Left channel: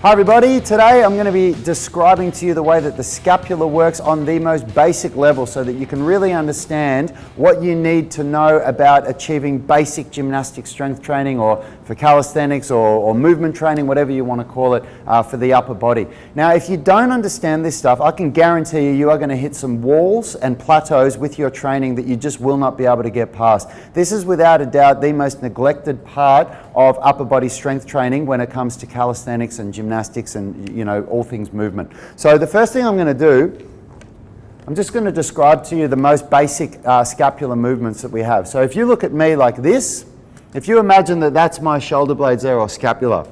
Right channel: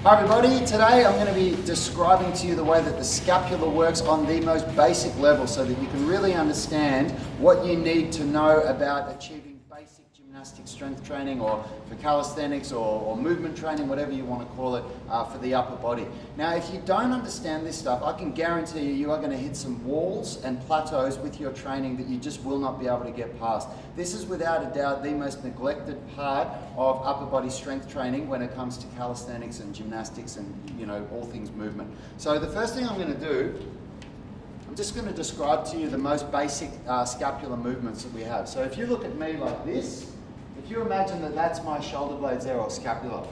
Hi everybody, today I'm going to be describing to you the way that the scapula works on the most basic level so that you can really understand what you need to know about achieving basic gymnastic strength training, or for calisthenics or movement training, whatever you want to call it, for the upper body. Now if you don't understand this stuff, I can guarantee you are going to hit some walls and plateaus with your training that you just will not be able to get past. This is without a doubt the most neglected part of upper body strength training when it comes to calisthenics and gymnastics and, you know, all things movement. So the first thing I'm going to do, I'm just going to describe to you the most basic scapular movements that we have. So if you look at me like this, if you imagine that that's my shoulder blades there, or scapula,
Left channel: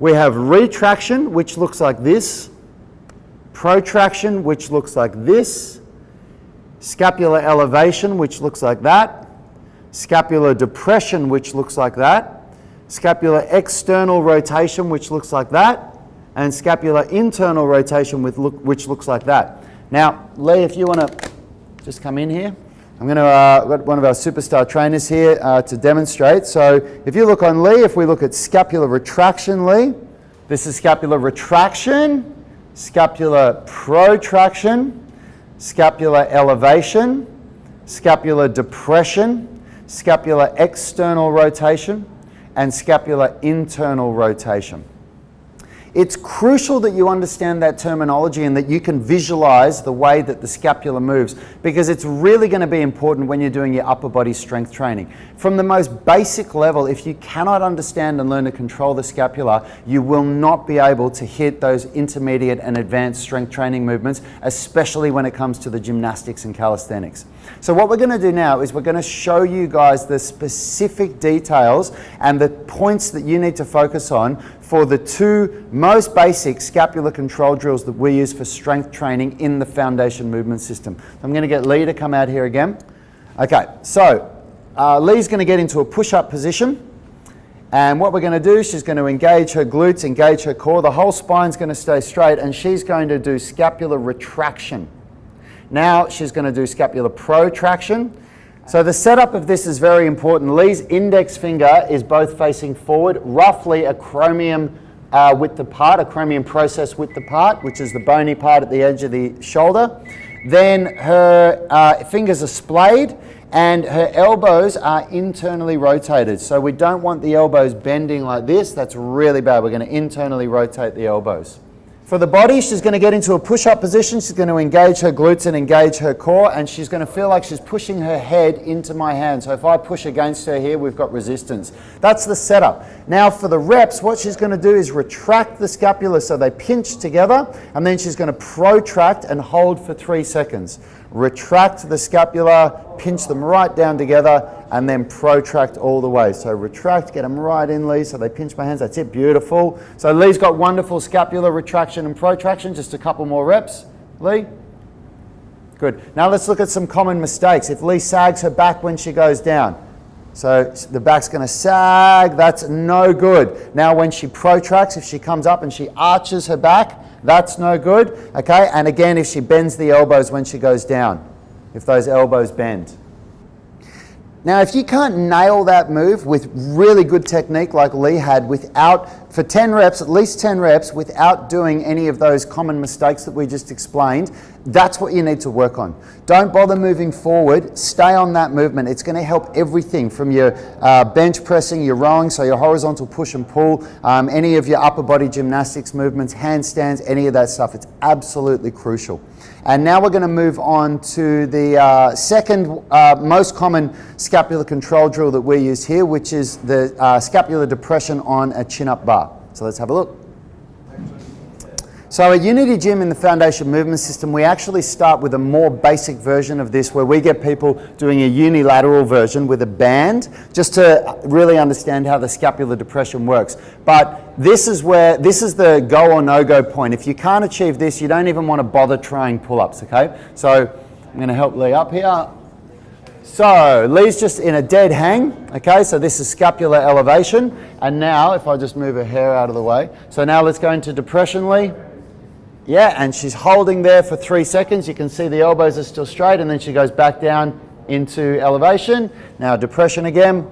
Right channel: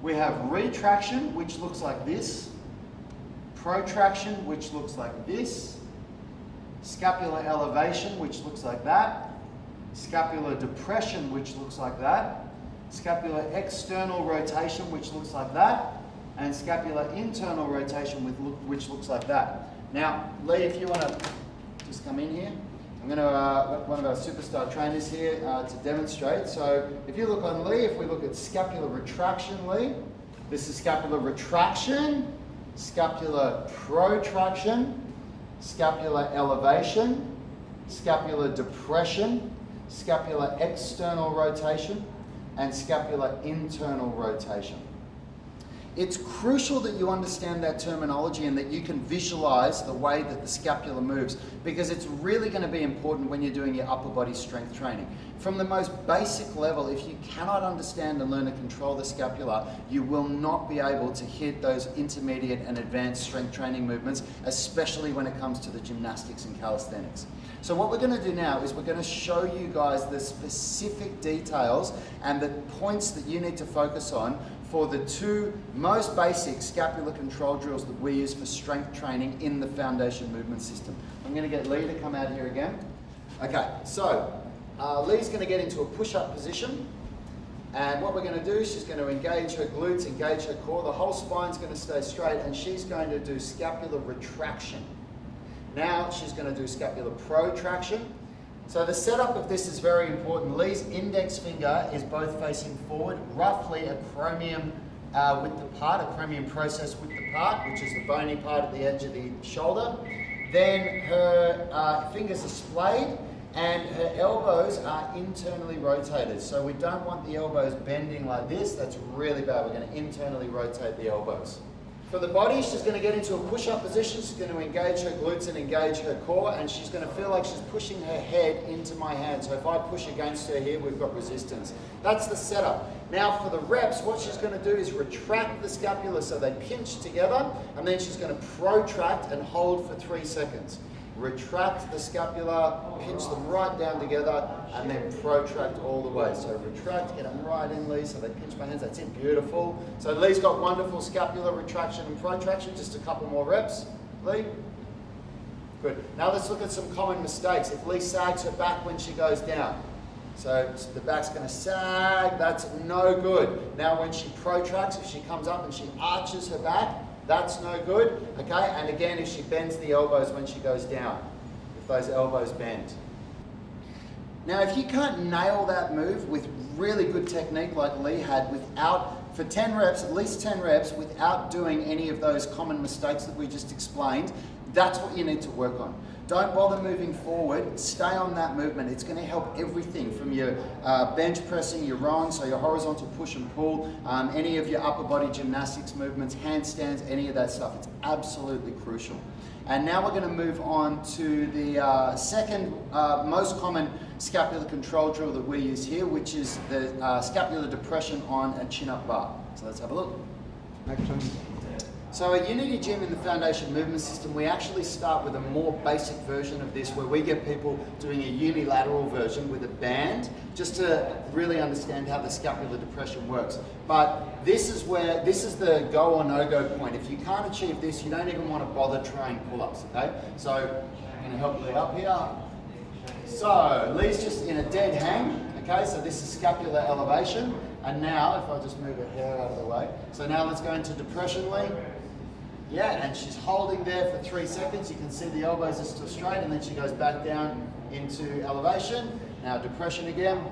we have retraction, which looks like this, protraction, which looks like this, scapular elevation, which looks like that, scapular depression, which looks like that, scapular external rotation, which looks like that, and scapular internal rotation, which looks like that. Now, Lee, if you want to just come in here, I'm going to got one of our superstar trainers here to demonstrate. So if you look on Lee, if we look at scapular retraction, Lee, this is scapular retraction, scapular protraction, scapular elevation, scapular depression, scapular external rotation, and scapular internal rotation. It's crucial that you understand that terminology and that you can visualize the way that the scapula moves, because it's really going to be important when you're doing your upper body strength training. From the most basic level, if you cannot understand and learn to control the scapula, you will not be able to hit those intermediate and advanced strength training movements, especially when it comes to the gymnastics and calisthenics. So what we're going to do now is we're going to show you guys the specific details and the points that you need to focus on for the two most basic scapular control drills that we use for strength training in the foundation movement system. I'm going to get Lee to come out here again. Okay, so Lee's going to get into a push-up position, and what we're going to do, she's going to engage her glutes, engage her core, the whole spine's going to stay straight, and she's going to do scapular retraction. Now she's going to do scapular protraction. So the setup of this is very important. Lee's index finger is both facing forward, roughly a chromium width apart, a chromium process width apart, which is the bony part at the edge of the shoulder. Then her fingers are splayed and her elbows are internally rotated. So we don't want the elbows bending like this. That's really bad. We're going to internally rotate the elbows. For the body, she's going to get into a push-up position. She's going to engage her glutes and engage her core, and she's going to feel like she's pushing her head into my hand. So if I push against her here, we've got resistance. That's the setup. Now for the reps, what she's going to do is retract the scapula so they pinch together, and then she's going to protract and hold for 3 seconds. Retract the scapula, pinch them right down together, and then protract all the way. So retract, get them right in, Lee, so they pinch my hands. That's it, beautiful. So Lee's got wonderful scapular retraction and protraction. Just a couple more reps. Lee? Good. Now let's look at some common mistakes. If Lee sags her back when she goes down, so the back's going to sag, that's no good. Now when she protracts, if she comes up and she arches her back, that's no good, okay? And again, if she bends the elbows when she goes down, if those elbows bend. Now, if you can't nail that move with really good technique like Lee had for 10 reps, at least 10 reps, without doing any of those common mistakes that we just explained, that's what you need to work on. Don't bother moving forward, stay on that movement. It's going to help everything from your bench pressing, your rowing, so your horizontal push and pull, any of your upper body gymnastics movements, handstands, any of that stuff. It's absolutely crucial. And now we're going to move on to the second most common scapular control drill that we use here, which is the scapular depression on a chin-up bar. So let's have a look. So at Unity Gym in the foundation movement system, we actually start with a more basic version of this, where we get people doing a unilateral version with a band, just to really understand how the scapular depression works. But this is the go or no-go point. If you can't achieve this, you don't even want to bother trying pull-ups, okay? So I'm going to help Lee up here. So Lee's just in a dead hang, okay? So this is scapular elevation. And now, if I just move her hair out of the way. So now let's go into depression, Lee. Yeah, and she's holding there for 3 seconds. You can see the elbows are still straight, and then she goes back down into elevation. Now depression again.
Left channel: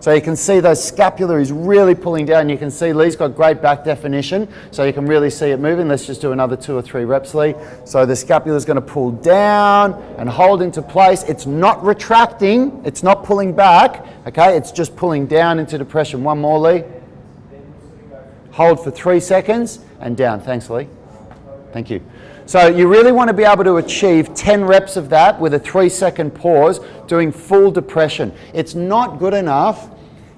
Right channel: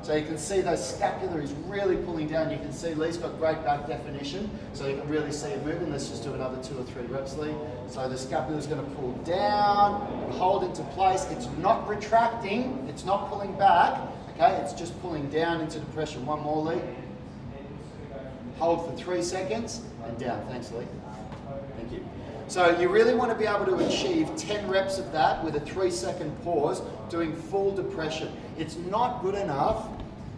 So you can see those scapula is really pulling down. You can see Lee's got great back definition, so you can really see it moving. Let's just do another 2 or 3 reps, Lee. So the scapula is going to pull down and hold into place. It's not retracting, it's not pulling back, okay? It's just pulling down into depression. One more, Lee. Hold for 3 seconds and down. Thanks, Lee. Thank you. So you really want to be able to achieve 10 reps of that with a 3-second pause, doing full depression. It's not good enough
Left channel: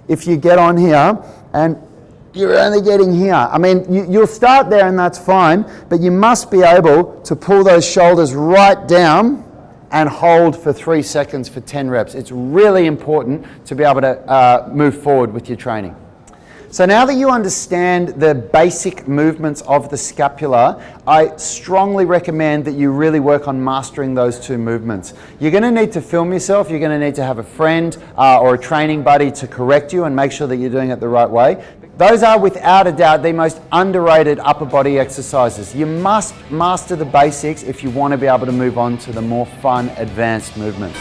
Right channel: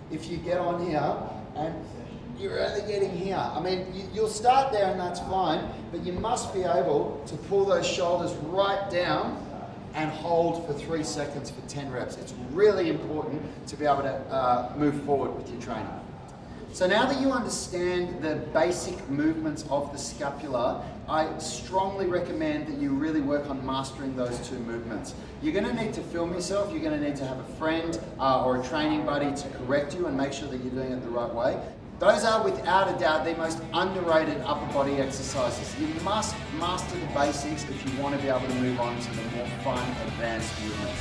if you get on here and you're only getting here. I mean, you'll start there and that's fine, but you must be able to pull those shoulders right down and hold for 3 seconds for 10 reps. It's really important to be able to move forward with your training. So now that you understand the basic movements of the scapula, I strongly recommend that you really work on mastering those 2 movements. You're going to need to film yourself, you're going to need to have a friend or a training buddy to correct you and make sure that you're doing it the right way. Those are without a doubt the most underrated upper body exercises. You must master the basics if you want to be able to move on to the more fun, advanced movements.